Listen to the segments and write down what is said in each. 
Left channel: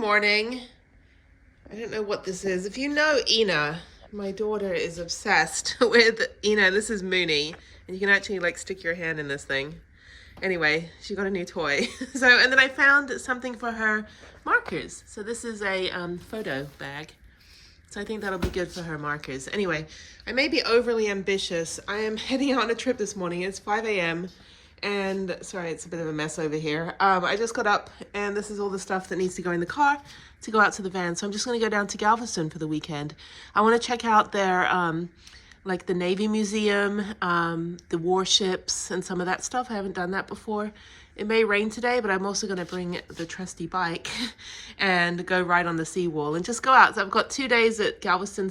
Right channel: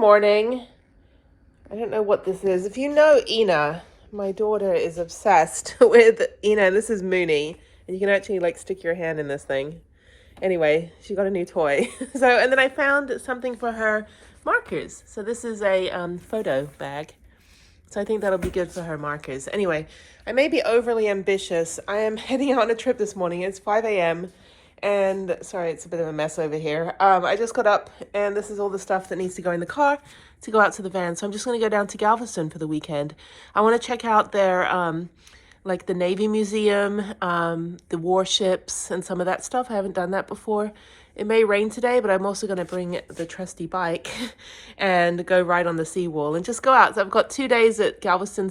morning. I don't know what this is. If you know Ina, my daughter is obsessed with Ina. This is Mooney, and you can actually like stick your hand in this thing. Anyway, she got a new toy. And then I found something for her markers. So this is a photo bag. So I think that'll be good for her markers. Anyway, I may be overly ambitious. I am heading out on a trip this morning. It's 5 a.m. And sorry, it's a bit of a mess over here. I just got up and this is all the stuff that needs to go in the car to go out to the van. So I'm just going to go down to Galveston for the weekend. I want to check out their, like the Navy Museum, the warships and some of that stuff. I haven't done that before. It may rain today, but I'm also going to bring the trusty bike and go ride on the seawall and just go out. So I've got 2 days at Galveston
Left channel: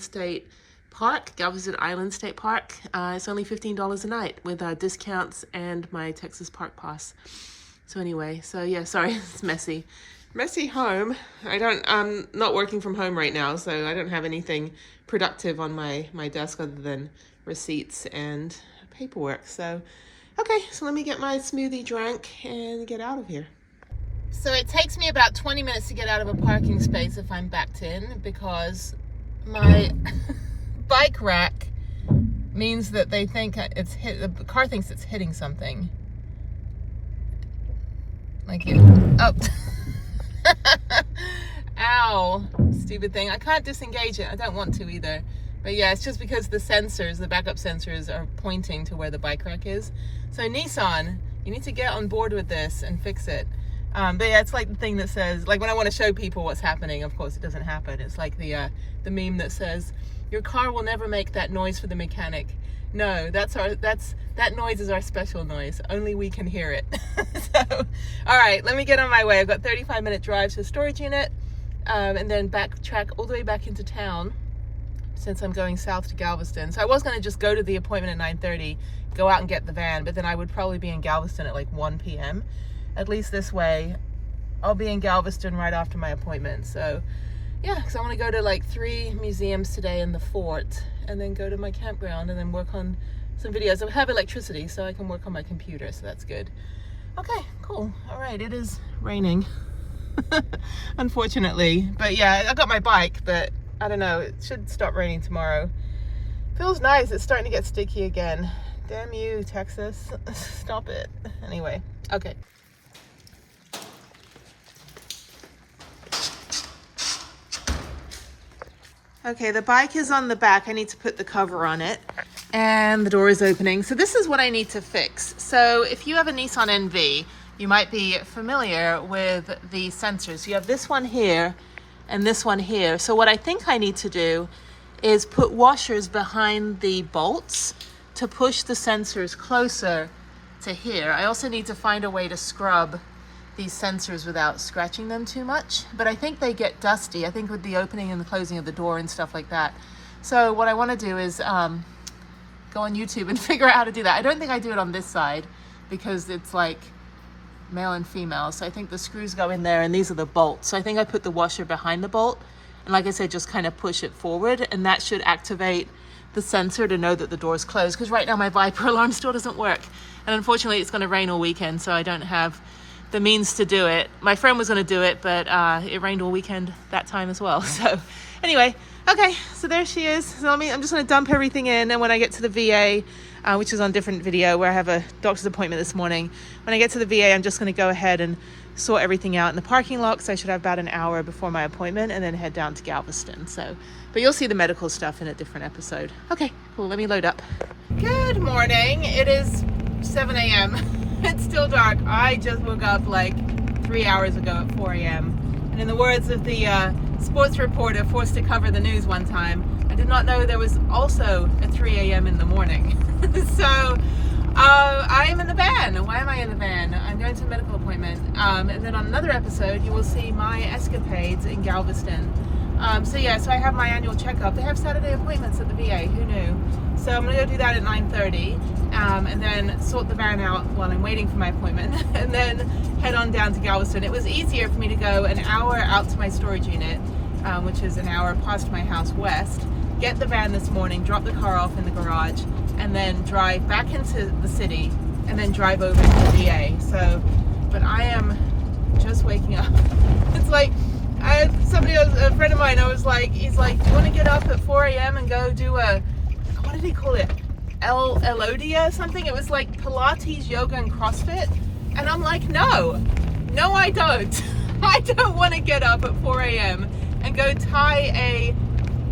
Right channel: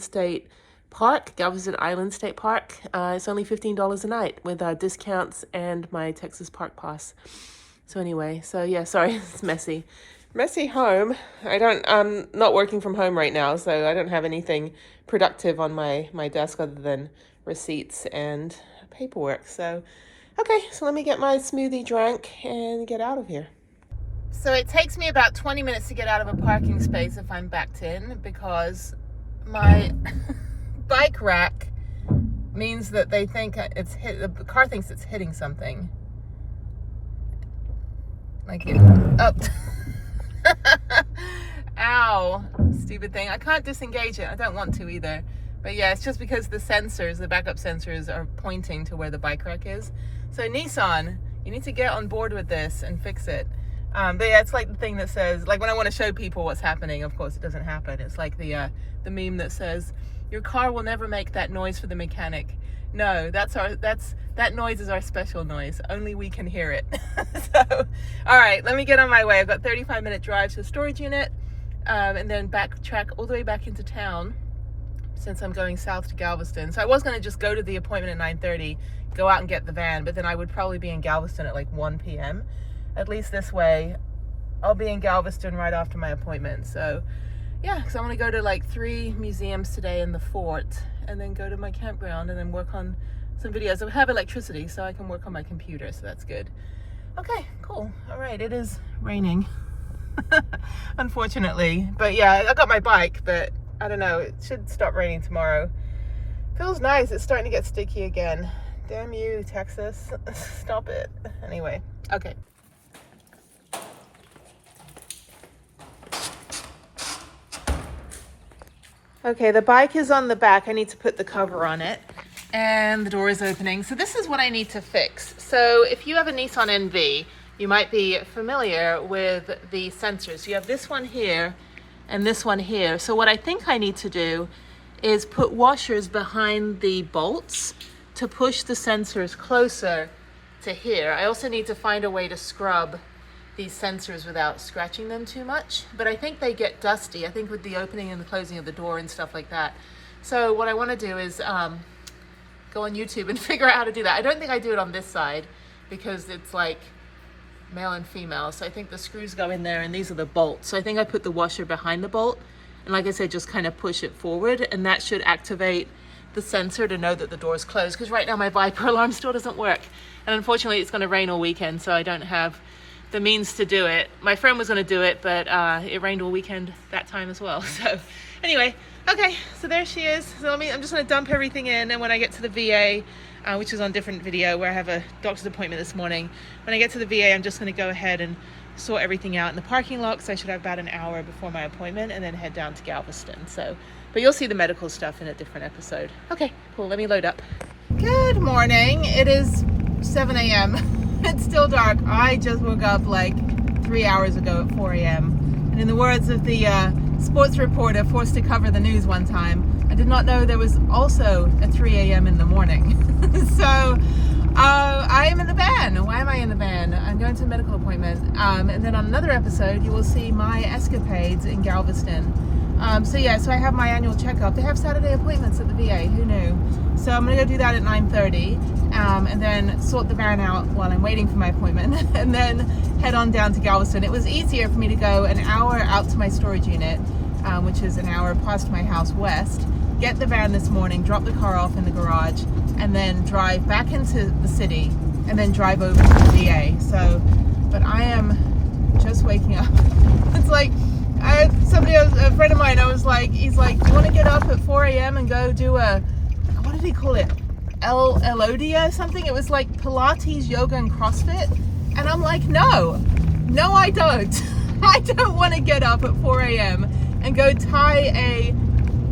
Island State Park. It's only $15 a night with discounts and my Texas Park Pass. So anyway, so yeah, sorry, it's messy. Messy home. I'm not working from home right now, so I don't have anything productive on my desk other than receipts and paperwork. So, okay, so let me get my smoothie drank and get out of here. So it takes me about 20 minutes to get out of a parking space if I'm backed in because my bike rack means that they think the car thinks it's hitting something. Like it. Oh. Ow, stupid thing. I can't disengage it. I don't want to either. But yeah, it's just because the backup sensors are pointing to where the bike rack is. So Nissan, you need to get on board with this and fix it. But yeah, it's like the thing that says, like when I want to show people what's happening, of course it doesn't happen. It's like the meme that says, your car will never make that noise for the mechanic. No, that noise is our special noise. Only we can hear it. So, all right, let me get on my way. I've got 35-minute drive to the storage unit, and then backtrack all the way back into town since I'm going south to Galveston. So I was going to just go to the appointment at 9:30, go out and get the van, but then I would probably be in Galveston at like 1 p.m. At least this way, I'll be in Galveston right after my appointment. So yeah, because I want to go to like 3 museums today in the fort and then go to my campground and then work on some videos. I have electricity, so I can work on my computer, so that's good. Okay, cool. All right, it is raining, unfortunately. But yeah, I got my bike, but I don't know, it should stop raining tomorrow. Feels nice. It's starting to get sticky again. Damn you, Texas. Stop it. Anyway, okay. Okay, the bike is on the back. I need to put the cover on it and the door is opening. So this is what I need to fix. So if you have a Nissan NV, you might be familiar with the sensors. You have this one here and this one here. So what I think I need to do is put washers behind the bolts to push the sensors closer to here. I also need to find a way to scrub these sensors without scratching them too much, but I think they get dusty, I think with the opening and the closing of the door and stuff like that. So what I want to do is go on YouTube and figure out how to do that. I don't think I do it on this side because it's like male and female, so I think the screws go in there and these are the bolts. So I think I put the washer behind the bolt and like I said, just kind of push it forward and that should activate the sensor to know that the door is closed, because right now my Viper alarm still doesn't work, and unfortunately it's going to rain all weekend, so I don't have the means to do it. My friend was going to do it, but it rained all weekend that time as well. So anyway, okay, so there she is. So I'm just going to dump everything in, and when I get to the VA, which is on a different video where I have a doctor's appointment this morning, when I get to the VA, I'm just going to go ahead and sort everything out in the parking lot, so I should have about an hour before my appointment, and then head down to Galveston. So, but you'll see the medical stuff in a different episode. Okay, cool, let me load up. Good morning. It is 7 a.m. It's still dark. I just woke up like 3 hours ago at 4 a.m. And in the words of the sports reporter forced to cover the news one time, I did not know there was also a 3 a.m. in the morning. So I am in the van. Why am I in the van? I'm going to a medical appointment. And then on another episode, you will see my escapades in Galveston. So I have my annual checkup. They have Saturday appointments at the VA. Who knew? So I'm going to go do that at 9:30. And then sort the van out while I'm waiting for my appointment and then head on down to Galveston. It was easier for me to go an hour out to my storage unit, which is an hour past my house west, get the van this morning, drop the car off in the garage, and then drive back into the city and then drive over to the VA. So, but I am just waking up. It's like, friend of mine, I was like, he's like, do you want to get up at 4 a.m. and go do a, what did he call it? Elodia or something? It was like Pilates, yoga, and CrossFit. And I'm like, no, I don't. I don't want to get up at 4 a.m. and go tie a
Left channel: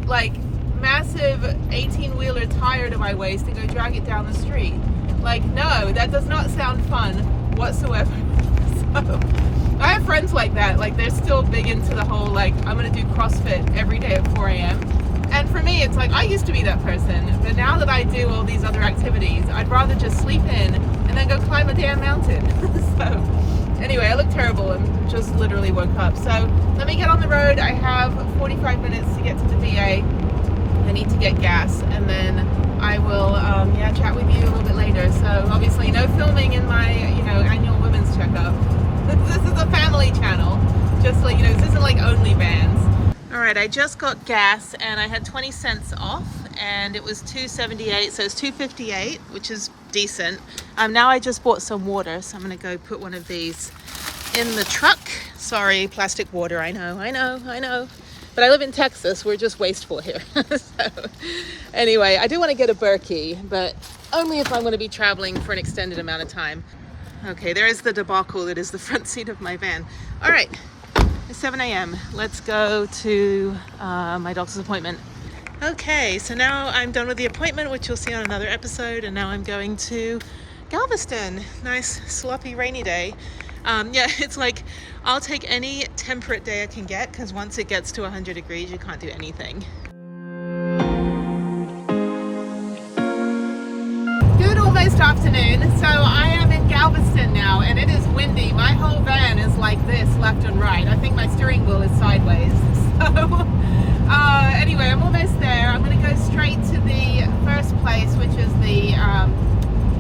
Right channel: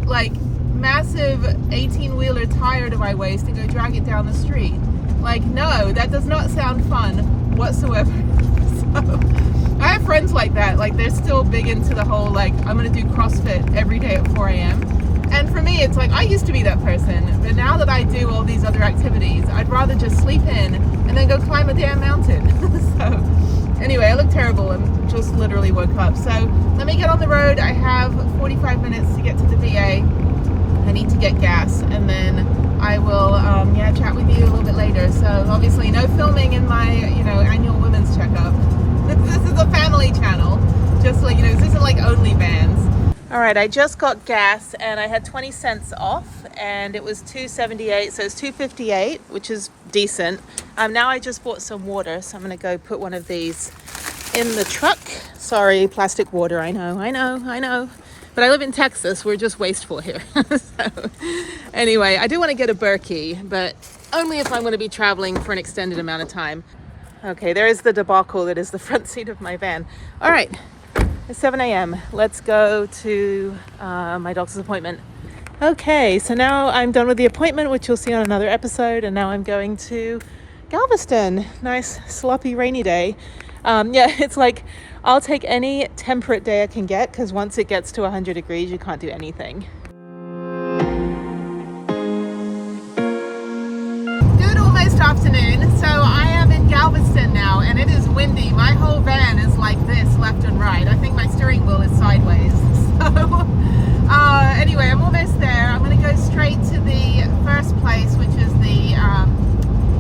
like massive 18-wheeler tire to my waist to go drag it down the street. Like, no, that does not sound fun whatsoever. So I have friends like that, like they're still big into the whole like, I'm gonna do CrossFit every day at 4 a.m. And for me, it's like, I used to be that person, but now that I do all these other activities, I'd rather just sleep in and then go climb a damn mountain. So anyway, I look terrible and just literally woke up. So let me get on the road. I have 45 minutes to get to the VA. I need to get gas, and then I will chat with you a little bit later. So obviously no filming in my annual women's checkup. This is a family channel, just so you know. This isn't like OnlyFans. All right, I just got gas and I had 20 cents off, and it was $2.78, so it's $2.58, which is decent. Now I just bought some water, so I'm gonna go put one of these in the truck. Sorry, plastic water, I know. But I live in Texas, we're just wasteful here. So anyway, I do want to get a Berkey, but only if I'm going to be traveling for an extended amount of time. Okay, there is the debacle that is the front seat of my van. All right, it's 7 a.m. Let's go to my doctor's appointment. Okay, so now I'm done with the appointment, which you'll see on another episode, and now I'm going to Galveston. Nice, sloppy, rainy day. It's like, I'll take any temperate day I can get, because once it gets to 100 degrees, you can't do anything. Good almost afternoon. So I am in Galveston now, and it is windy. My whole van is like this, left and right. I think my steering wheel is sideways. So anyway, I'm almost there. I'm going to go straight to the first place, which is the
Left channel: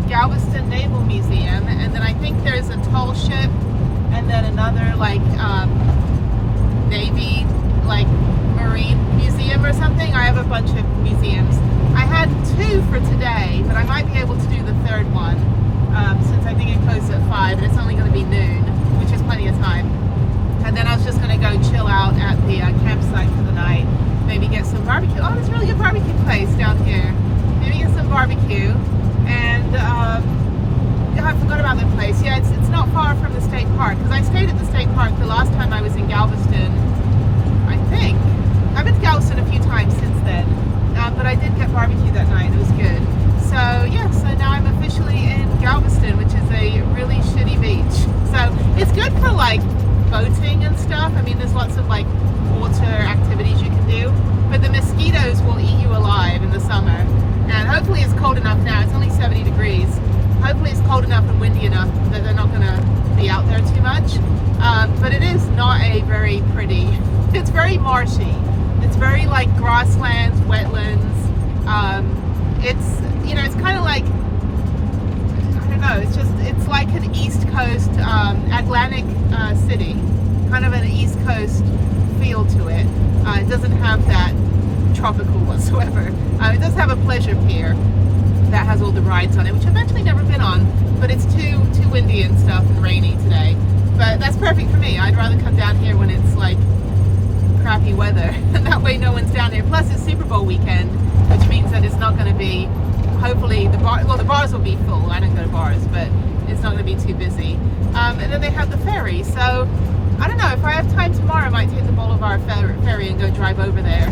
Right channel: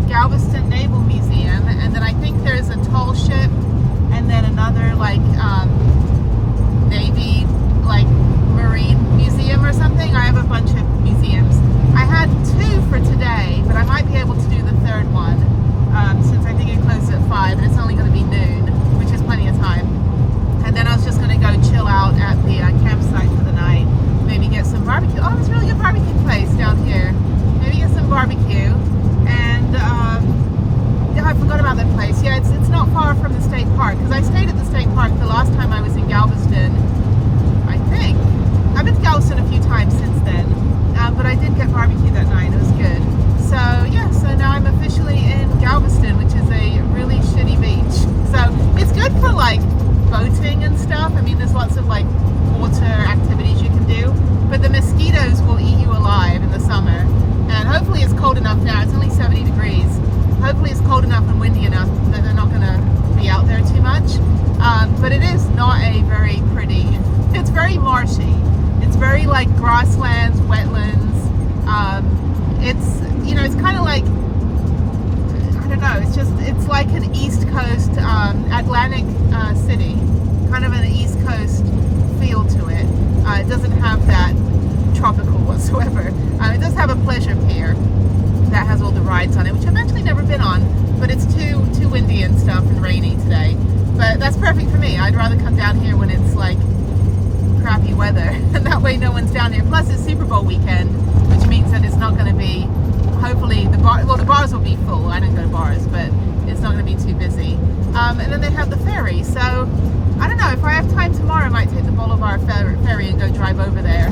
Galveston Naval Museum, and then I think there's a toll ship, and then another like Navy, like Marine museum or something. I have a bunch of museums. I had 2 for today, but I might be able to do the third one since I think it closes at 5 and it's only going to be noon, which is plenty of time. And then I was just going to go chill out at the campsite for the night, maybe get some barbecue. Oh, there's a really good barbecue place down here. Maybe get some barbecue. And I forgot about that place. Yeah, it's not far from the state park, because I stayed at the state park the last time I was in Galveston, I think. I've been to Galveston a few times since then, but I did get barbecue that night. It was good. So yeah, so now I'm officially in Galveston, which is a really shitty beach. So it's good for like boating and stuff. I mean, there's lots of like water activities you can do, but the mosquitoes will eat you alive in the summer. And hopefully it's cold enough now. It's only 70 degrees. Hopefully it's cold enough and windy enough that they're not going to be out there too much. But it is not a very pretty, it's very marshy. It's very like grasslands, wetlands. It's, it's kind of like, I don't know, it's like an East Coast, Atlantic city. Kind of an East Coast feel to it. It doesn't have that tropical whatsoever. It does have a pleasure pier that has all the rides on it, which I've actually never been on, but it's too windy and stuff and rainy today. But that's perfect for me. I'd rather come down here when it's like crappy weather, and that way no one's down here. Plus it's Super Bowl weekend, which means that it's not going to be, hopefully the bars will be full. I don't go to bars, but it's not going to be too busy. And then they have the ferry, so I don't know, if I have time tomorrow I might take the Bolivar ferry and go drive over there,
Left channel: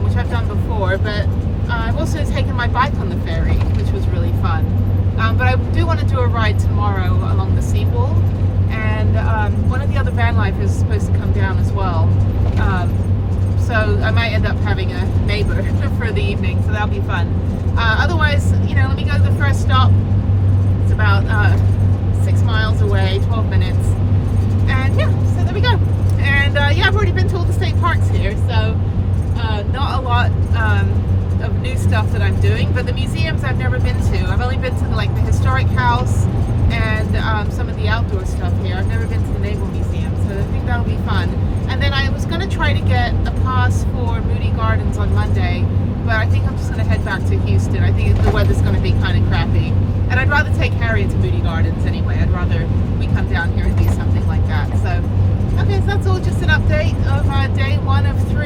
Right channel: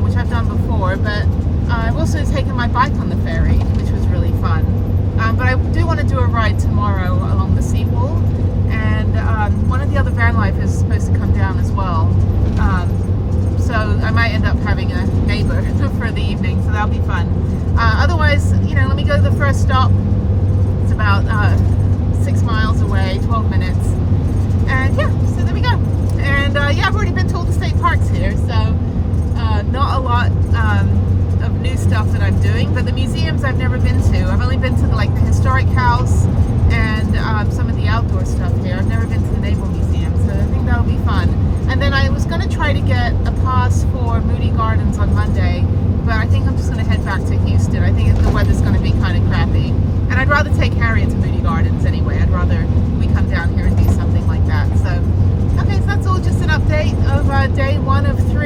which I've done before. But I've also taken my bike on the ferry, which was really fun. But I do want to do a ride tomorrow along the seawall, and one of the other Vanlife is supposed to come down as well. So I might end up having a neighbor for the evening, so that'll be fun. Otherwise, let me go to the first stop. It's about 6 miles away, 12 minutes. And yeah, so there we go. And I've already been to all the state parks here, so not a lot of new stuff that I'm doing, but the museums I've never been to. I've only been to the historic house and some of the outdoor stuff here. I've never been to the Naval Museum, so I think that'll be fun. And then I was going to try to get a pass for Moody Gardens on Monday, but I think I'm just going to head back to Houston. I think the weather's going to be kind of crappy, and I'd rather take Harriet to Moody Gardens anyway. I'd rather we come down here and do something like that. So okay, so that's all just an update of day 1 of 3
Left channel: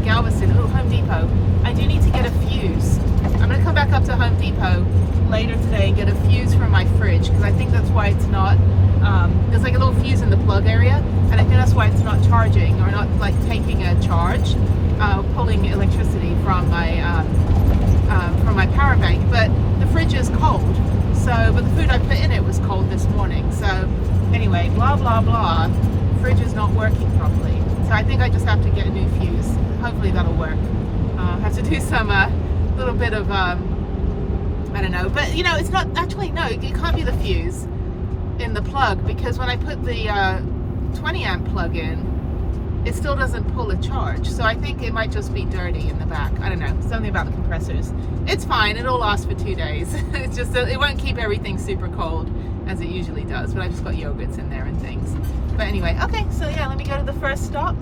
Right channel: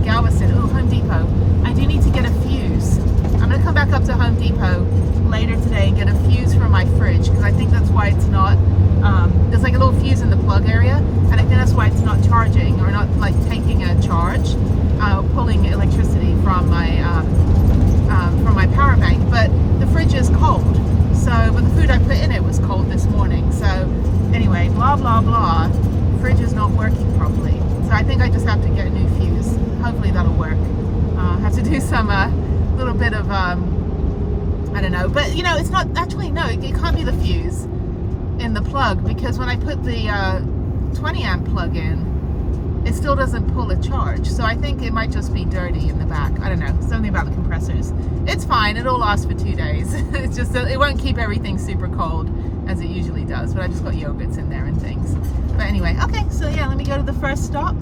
Galveston. Ooh, Home Depot. I do need to get a fuse. I'm gonna come back up to Home Depot later today and get a fuse for my fridge, because I think that's why it's not, there's like a little fuse in the plug area, and I think that's why it's not charging, or not like taking a charge, pulling electricity from my power bank. But the fridge is cold, so, but the food I put in it was cold this morning. So anyway, blah blah blah, fridge is not working properly, so I think I just have to get a new fuse. Hopefully that'll work. I have to do some little bit of I don't know, but you know, it's not actually, no, it can't be the fuse in the plug, because when I put the 20 amp plug in, it still doesn't pull a charge. So I think it might just be dirty in the back. I don't know, something about the compressors. It's fine, it'll last for 2 days. It's just that it won't keep everything super cold as it usually does, but I just got yogurts in there and things. But anyway, okay, so yeah, let me go to the first stop.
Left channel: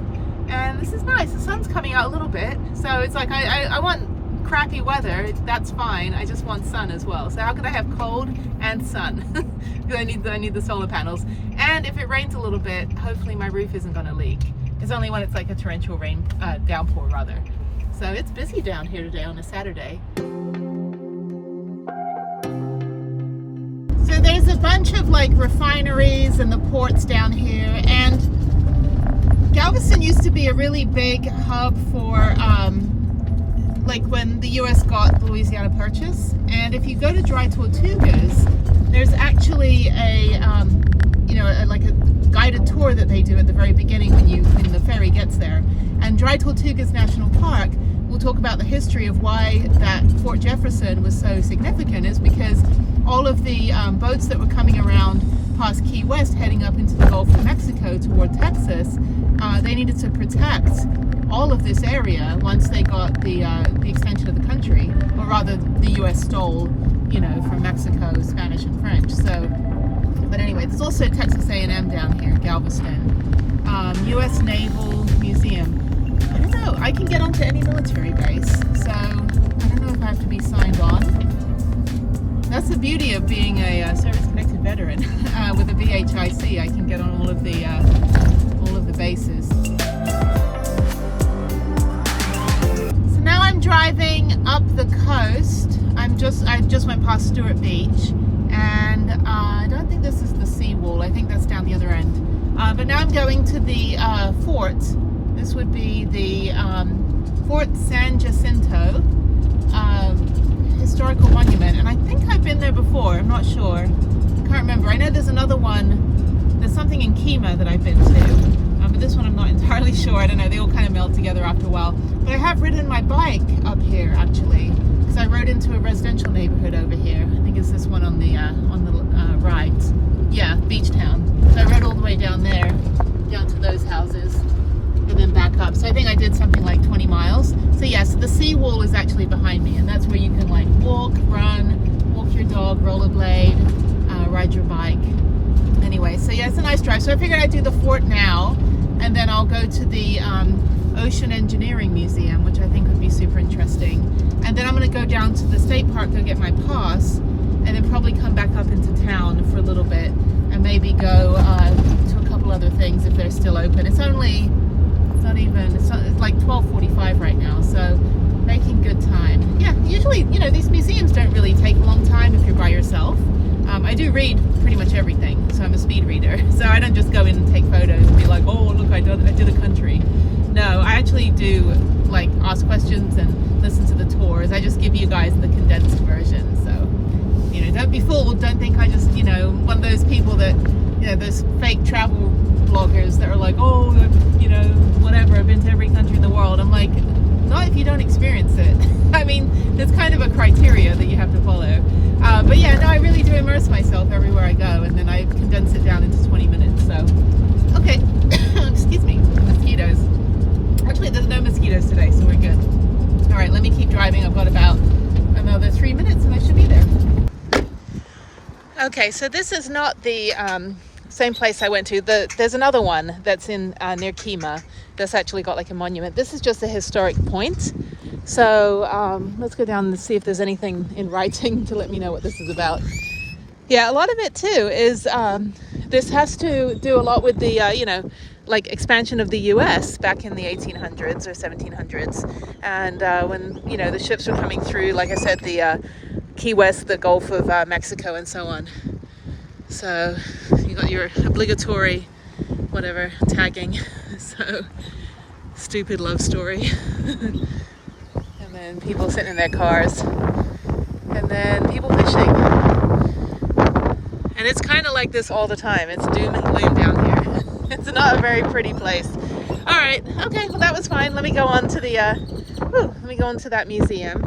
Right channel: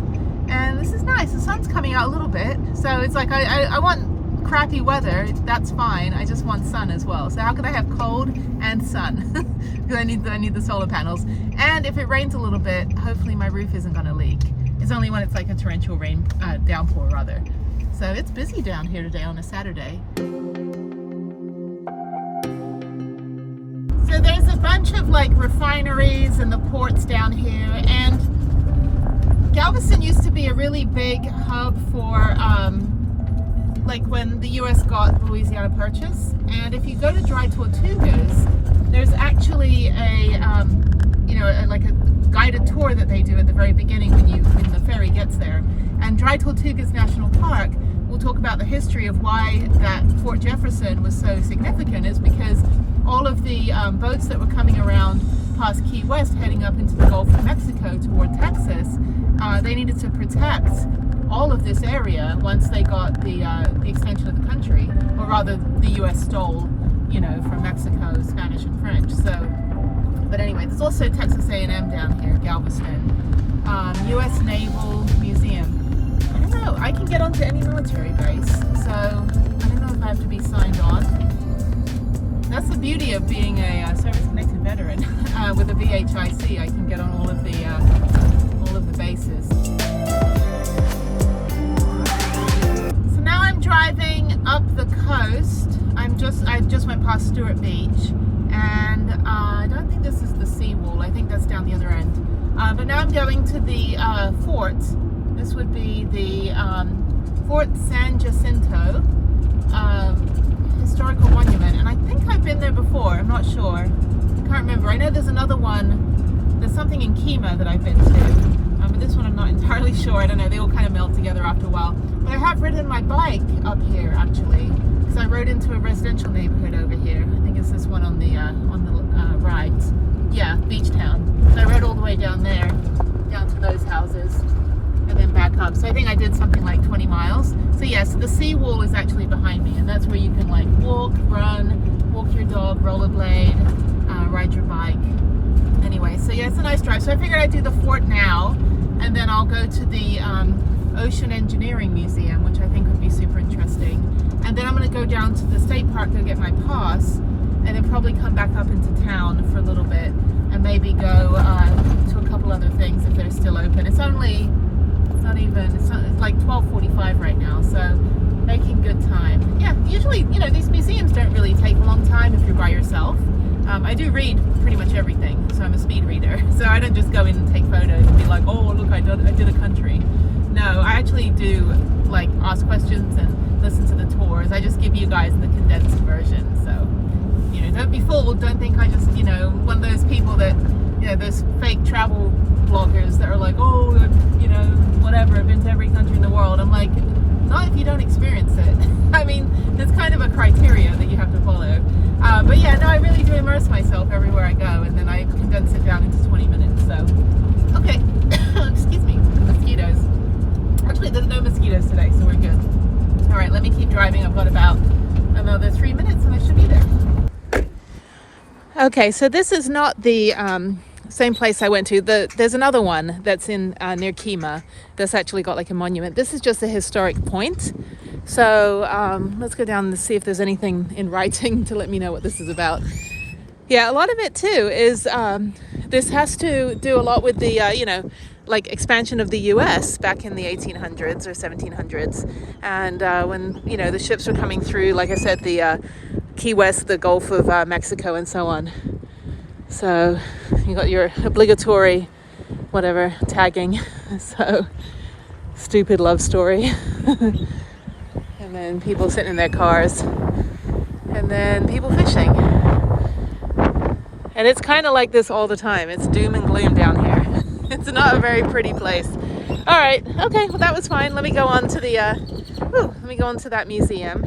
And this is nice, the sun's coming out a little bit, so it's like I want crappy weather, that's fine, I just want sun as well. So how could I have cold and sun? Because I need the solar panels. And if it rains a little bit, hopefully my roof isn't going to leak. It's only when it's like a torrential rain, downpour rather. So it's busy down here today on a Saturday. So there's a bunch of like refineries and the ports down here, and Galveston used to be a really big hub for like when the US got the Louisiana Purchase. And if you go to Dry Tortugas, there's actually a you know, like a guided tour that they do at the very beginning when the ferry gets there. And Dry Tortugas National Park will talk about the history of why that Fort Jefferson was so significant, is because all of the boats that were coming around past Key West heading up into the Gulf of Mexico toward Texas, they needed to protect all of this area once they got the extension of the country, or rather the US stole, you know, from Mexico, Spanish and French. So, but anyway, there's also Texas A&M down here, Galveston. US Naval Museum. I don't know, I can get onto any military base, so I don't know if I have to be signed on. That's the beauty of being a service-connected veteran. With a VHIC, I can get on all of the bases. So now I'm driving up the coast. I just went past Stewart Beach, and I don't think this is the seawall. I think that's down the other end. But now I'm going to the fort. This would be the Fort San Jacinto historical monument, and I think I've been there before. I'm not sure. I can't remember. I know there's another one. There's something in Kemah that I've been to, but this one I'm not entirely sure. I don't know. They all kind of meld together after a while. But I have ridden my bike up here actually, because I rode into a residential neighborhood over here. I think it's this one on the right. Yeah, Beach Town. So I rode all the way down there, down to those houses, and then back up. So I think I did something like 20 miles. So yeah, so the seawall is actually behind me, and that's where you can like walk, run, walk your dog, rollerblade, ride your bike. Anyway, so yeah, it's a nice drive. So I figured I'd do the fort now, and then I'll go to the Ocean Engineering Museum, which I think would be super interesting. And then I'm going to go down to the state park to get my pass, and then probably come back up into town for a little bit, and maybe go to a couple other things if they're still open. It's like 12:45 right now, so making good time. Yeah, usually, you know, these museums don't really take a long time if you're by yourself. I do read pretty much everything, so I'm a speed reader. So I don't just go in and take photos and be like, oh, look, I did a country. No, I actually do like ask questions and listen to the tours. I just give you guys the condensed version. So, you know, don't be fooled. Don't think I just, you know, one of those people that, you know, those fake travel bloggers that are like, oh, you know, whatever, I've been to every country in the world. I'm like, not if you don't experience it. I mean, there's kind of a criteria that you have to follow. But yeah, no, I really do immerse myself everywhere I go, and then I condense it down into 20 minutes. So, okay, excuse me, mosquitoes. Actually, there's no mosquitoes today, so we're good. All right, let me keep driving. I've got about another 3 minutes, and I should be there. Okay, so this is not the same place I went to. There's another one that's in near Kemah that's actually got like a monument. This is just a historic point. So let's go down and see if there's anything in writing to let me know what this is about. Yeah, a lot of it too is this has to do a lot with the you know, like expansion of the US back in the 1800s or 1700s. And when, you know, the ships were coming through, like I said, the Key West, the Gulf of Mexico and so on. So you got your obligatory whatever tagging. So stupid love story. And then people sitting in their cars, and then people fishing. And it's kind of like this all the time. It's doom and gloom down here. It's not a very pretty place. All right, okay, well that was fine. Let me go on to the let me go on to that museum.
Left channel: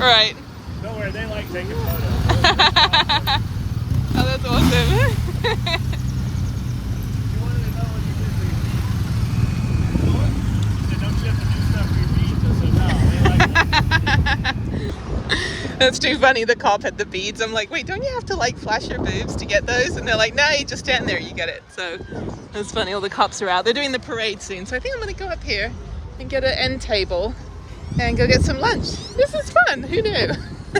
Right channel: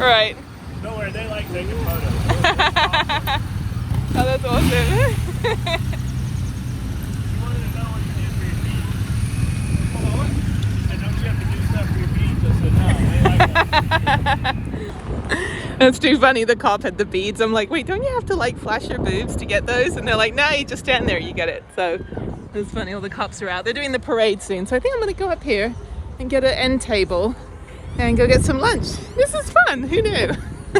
All right. Nowhere they like taking photos. Oh, that's awesome. That's too funny. The cop had the beads. I'm like, wait, don't you have to like flash your boobs to get those? And they're like, no, you just stand there, you get it. So it's funny. All the cops are out. They're doing the parade soon. So I think I'm going to go up here and get an end table and go get some lunch. This is fun. Who knew?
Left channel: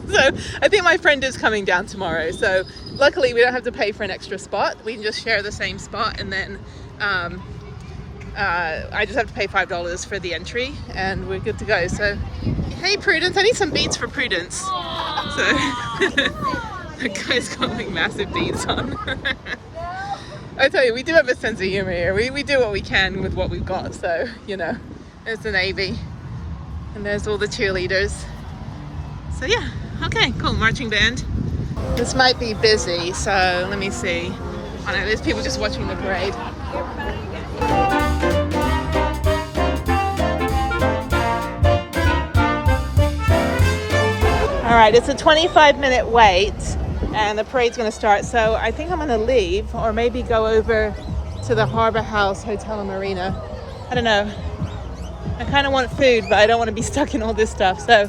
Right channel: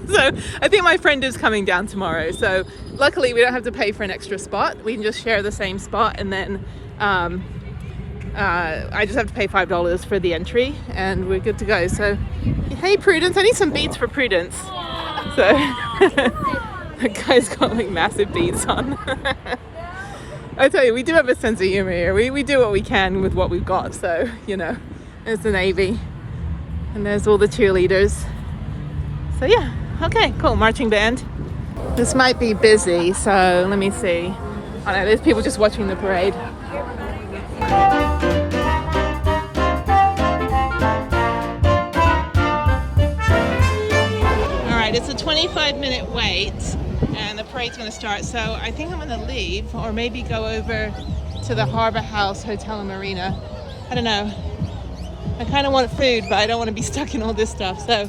So I think my friend is coming down tomorrow. So luckily we don't have to pay for an extra spot. We can just share the same spot, and then I just have to pay $5 for the entry, and we're good to go. So, hey Prudence, I need some beads for Prudence. So, that guy's got like massive beads on. I tell you, we do have a sense of humor here. We do what we can with what we've got. So, you know, there's the Navy, and there's all the cheerleaders. So yeah, okay, cool, marching band. This might be busy, so let me see. Oh no, there's people just watching the parade. All right, it's a 25-minute wait and the parade's gonna start. So I think I'm gonna leave, or maybe go over to the Harbor House Hotel and Marina. I don't know. I kind of want food, but I don't want to be stuck in all this stuff. So,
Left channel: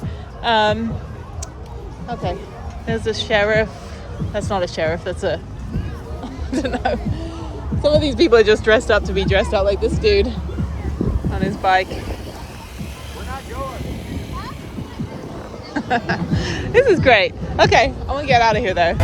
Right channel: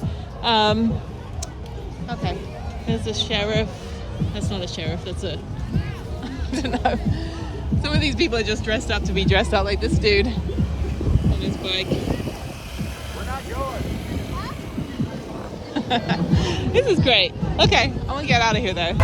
okay, there's a sheriff. That's not a sheriff, that's a, I don't know. Some of these people are just dressed up to be dressed up, like this dude on his bike. We're not yours. This is great. Okay, I'm gonna get out of here though.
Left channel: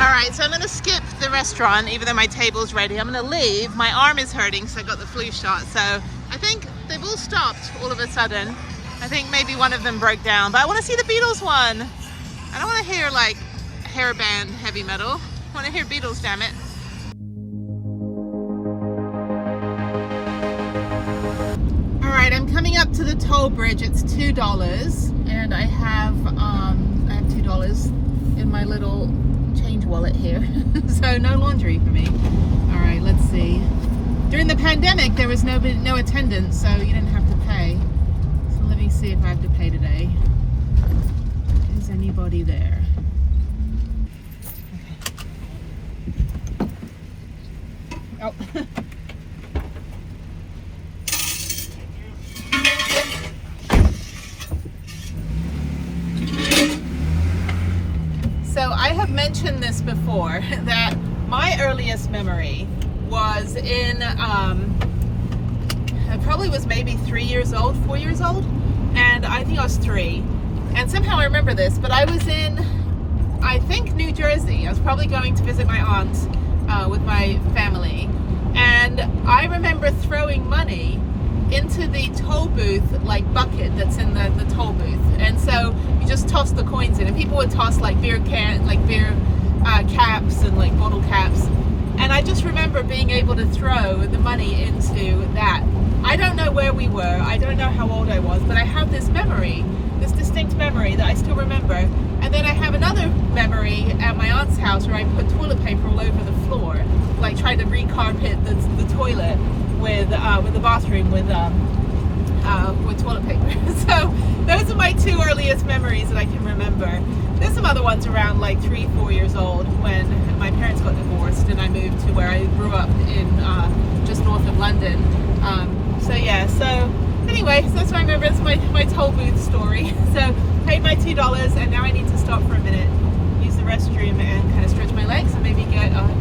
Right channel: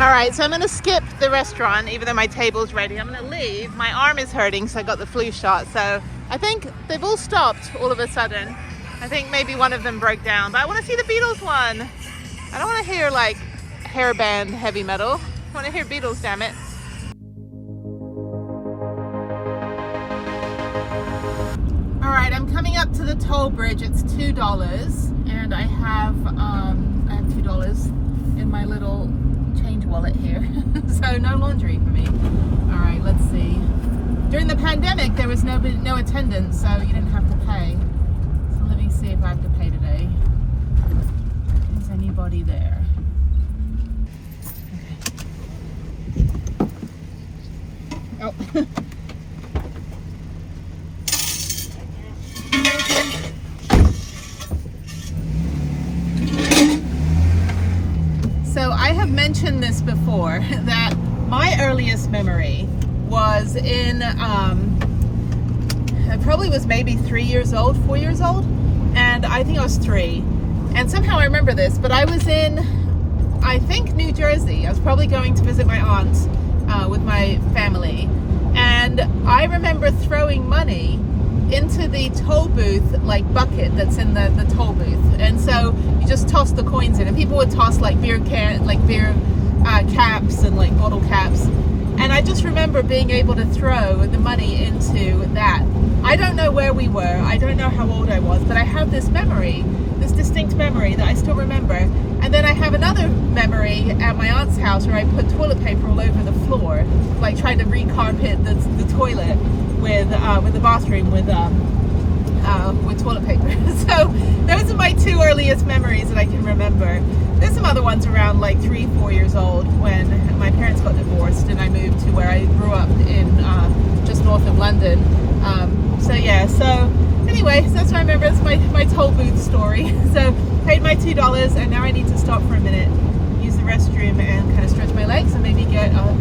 Alright, so I'm going to skip the restaurant even though my table's ready. I'm going to leave. My arm is hurting, so I got the flu shot. So I think they've all stopped all of a sudden. I think maybe one of them broke down, but I want to see the Beatles one. I don't want to hear like hairband heavy metal. I want to hear Beatles, damn it. Alright, I'm coming up to the toll bridge. It's $2 and I have $2 in my little change wallet here. So no laundry for me. Alright, let's see. During the pandemic there was no attendance, so you didn't have to pay. So let me see if I have to pay today. Is anybody there? Okay. Oh. So I have mentioned this before, that my earliest memory was in, I probably was maybe 3 years old, 4 years old, and I think I was 3. And somehow I remember this, but I was in I think New Jersey. I was probably going to visit my aunt with my family, and I remember throwing money into the toll booth like bucket that's in the toll booth, and so you just toss the coins in, and people would toss like beer caps and like bottle caps, and I just remember being able to throw the money into that. I don't know where we were, I don't know how old I was, but I have this memory, this distinct memory that I still remember. And then I have another memory at my aunt's house where I put toilet paper all over the floor, like trying to recarpet the toilet with the bathroom with toilet paper. So those are my two earliest memories that I can remember. There's some other ones around like 3-4 years old when my parents got divorced and I moved to where I grew up in just north of London. So yeah, so anyway, so that's what I remember. It's my toll booth story. So paid my $2 and now I need to stop for a minute, use the restroom and kind of stretch my legs and maybe get a